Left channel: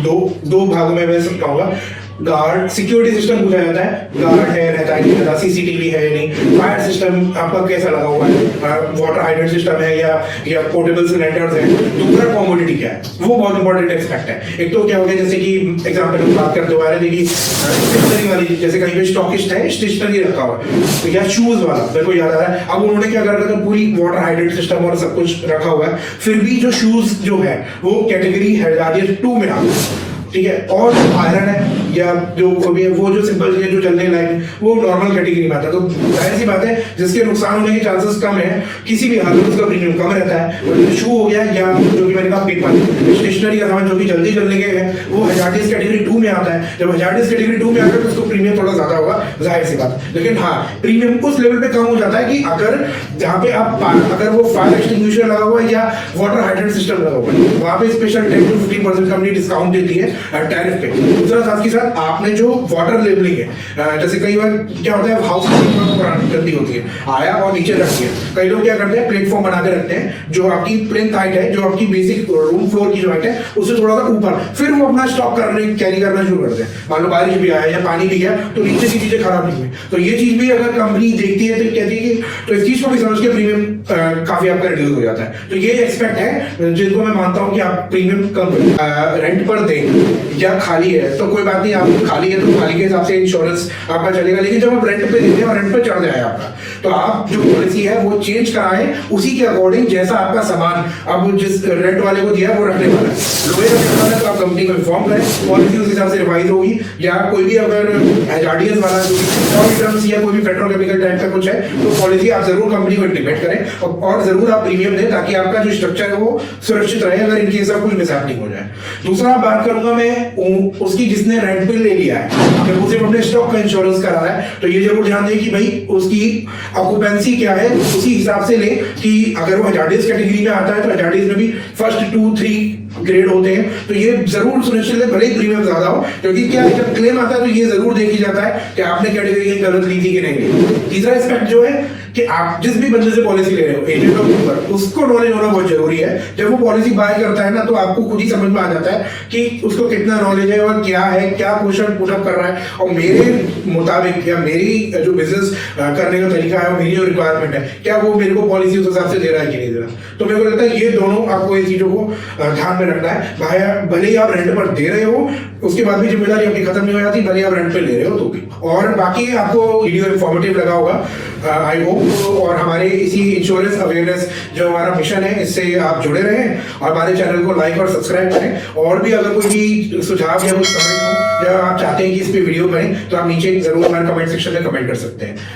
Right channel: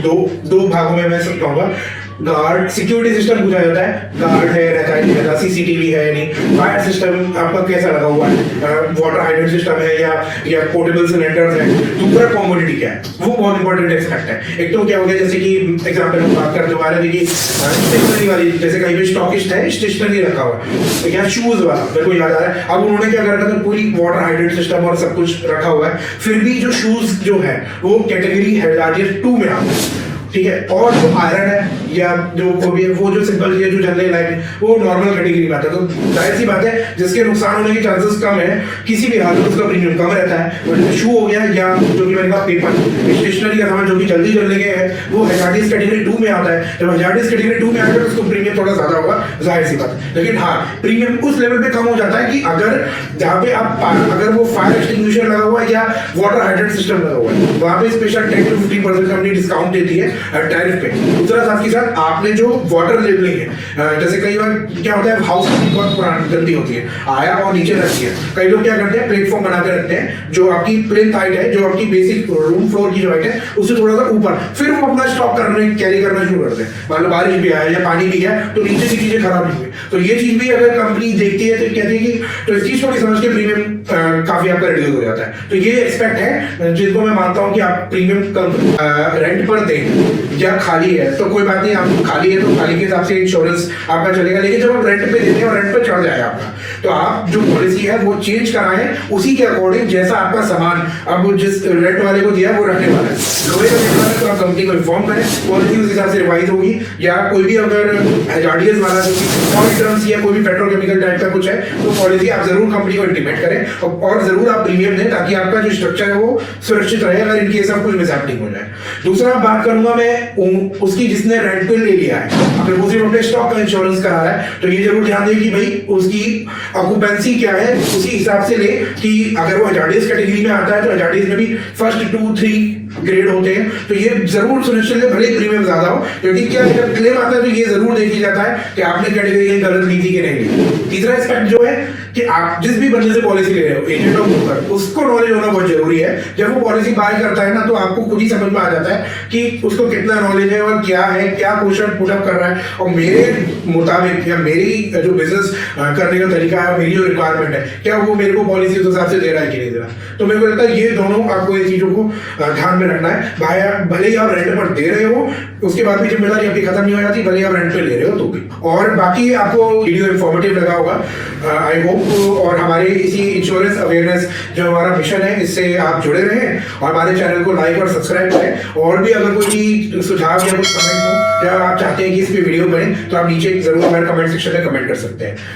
दो दो भागों में मैं सब कहूंगा। गार्ड सिक्योरिटी सिस्टम पूछा जाता है, गार्ड है रहता है नहीं रहता, सीसीटीवी है नहीं, फायर सिस्टम आपका कैसा लगा हुआ है, वाटर हाइड्रेंट सिस्टम है या पोर्टेबल सिलेंडर्स है, दूसरा कॉमोडिटी क्या है, वो बहुत इंपॉर्टेंट एस्पेक्ट है। एक तो क्या हो गया, जैसे कि एग्जांपल हम बात करते हुए देखिए स्टेशनरी वाली, जैसे कहीं पे स्टॉकिस्ट है स्टेशनरी रखा हुआ तो क्या शूज वाला मेरे को याद आ रहा है, अब उन्होंने क्या कर रखा था, पूरी वाटर हाइड्रेंट सिस्टम और सब कुछ रखा हुआ है, फिर भी जो शूज जो है वो कैटेगरी हैजार्डियस 2 में आ गया, ठीक है। और जो आयरन है या जो वो जो सिंपल चीजें जो चलने लायक वो नॉर्मल कैटेगरी में आता है। तो जाहिर सी बात है जिसके नुकसान होने के चांसेस कम है, किसी भी हालत में उसका प्रीमियम कम रहता है। और शू हो गया या जो कि मैंने कहा पेपर स्टेशनरी का सामान जो कि जल्दी चलने के है वो हैजार्डियस कैटेगरी 2 में आता है। जब हैजार्डियस कैटेगरी 2 में आता है तो उसको प्रीमियम थोड़ा ज्यादा होगा, जाहिर सी बात। लेकिन हाँ, प्रीमियम उस लेवल पे कम हो जाता है कि अगर जहाँ पे आप अगर वो फायर एक्सटिंग्विशर लगा हुआ है या वाटर हाइड्रेंट सिस्टम लगा हुआ है, वहाँ पे स्पेशल 10 to 15% कंपनी डिस्काउंट देती है टैरिफ पे। दूसरा साथ के साथ आपने जो वाटर लेवलिंग है, जैसे कई बार क्या होता है हाउस बहुत गंदी होती है, आया और नीचे रखती है, कई लोग क्या करते हैं प्लेटफॉर्म बना के रखते हैं जो आपकी प्लेन हाइट है, जो आपकी बेसिक रूम फ्लोर की जो हाइट है उससे थोड़ा सा ऊपर, फिर वो अपना स्टॉक करने कैरी करना शुरू करते हैं। मान लो बारिश भी आया या पानी भी गया तो नीचे की चीजें खराब नहीं हुई, तो ये चीज भी अगर कंपनी देखती है तो कहती है कि तो इस चीज को भी समझ के प्रीमियम काफी आपका रिड्यूस हो जाता है। तो ये एक्सपेक्ट है जिनको मैं मानता हूँ कि आप प्रीमियम रेंट पर दें या खाली है तो कोई बात नहीं, आप खाली है तो खाली के हिसाब से इंश्योरेंस आपका चलेगा। लेकिन जब आप रेंट पे देते हैं और रेंट पे चढ़ जाए आपका, तो आप जो पॉलिसी है वो चेंज कराएं उसी के अकॉर्डिंग जैसा आपका सामान अब जिस रेंट वाले को दिया है वो रखने वाला है। लोहे का सामान है तो आप कंपनी को इन्फॉर्म करें, पॉलिसी उस हिसाब से रिवाइज होगी। या कोई भी अगर हैजार्डियस वाला जो या कोई भी पेट्रोकेमिकल टाइप का कुछ है तो पॉलिसी आप जरूर कंपनी को इंटीमेट करें और जरूर आप प्रीमियम दें ताकि आपका जो स्ट्रक्चर है वो सुरक्षित रहे अगर इनके सब कुछ मिसहैपनिंग हो जाए। दूसरा बात करूंगा मैं उसकी जिसने रेंट पे ले लिया है, अगर वो सिर्फ अपने स्टॉक का इंश्योरेंस करा रहा है तो ये जरूर ध्यान दें कि भाई उसकी ऑक्यूपेंसी क्या है, उसी हिसाब से ले कि अगर वो हैजार्डियस कैटेगरी में आता है तो हैजार्डियस में भी फर्स्ट 2-3 ग्रेड होते हैं, तो ये जरूर सुनिश्चित है भले ही प्रीमियम ज्यादा हो, क्योंकि क्या जब क्लेम आता है तो ये जरूर देखी जाता है कि आपने कैटेगरी गलत ली थी कि नहीं ली। तीसरा एस्पेक्ट जो है कि आप जिस भी बंदे से पॉलिसी ले रहे हो, एजेंट और ब्रोकर, उसको नॉलेज होना बहुत जरूरी है। जब वो पॉलिसी बाय करता है ना तो आपको खुद ही समझ में आ जाता है कि उसको कितना नॉलेज है और क्या है, क्या क्वेश्चन पुटअप कर रहा है और मेरे मुताबिक या मेरी जो बिजनेस करने का तरीका है और मेरी जो रिक्वायरमेंट है क्या वो मेरे को पॉलिसी उस हिसाब से दे रहा है कि नहीं दे रहा। तो मेरे को लगता है ये दोनों आपको इन चीजों को ध्यान में रखना है। भाई भले ही आप रेंट पर दे रहे हो उसके बाद भी जिम्मेदारी आपकी खत्म नहीं हो जाती, भले ही आप रेंट पे ले रहे हो तो भी। और बाकी आपको वीडियो इन्फॉर्मेटिव लगा होगा आई होप। और हमारे इसी इंश्योरेंस अवेयरनेस जो हमारा मिशन है इससे आप जुड़े रहें और हमारे चैनल को लाइक और सब्सक्राइब करें। और भी अगर कोई सुझाव या कुछ कमेंट हो या आप चाहते हैं कि इस पे वीडियो बने तो आप नीचे जरूर हमारे कमेंट सेक्शन में कमेंट कर सकते हैं।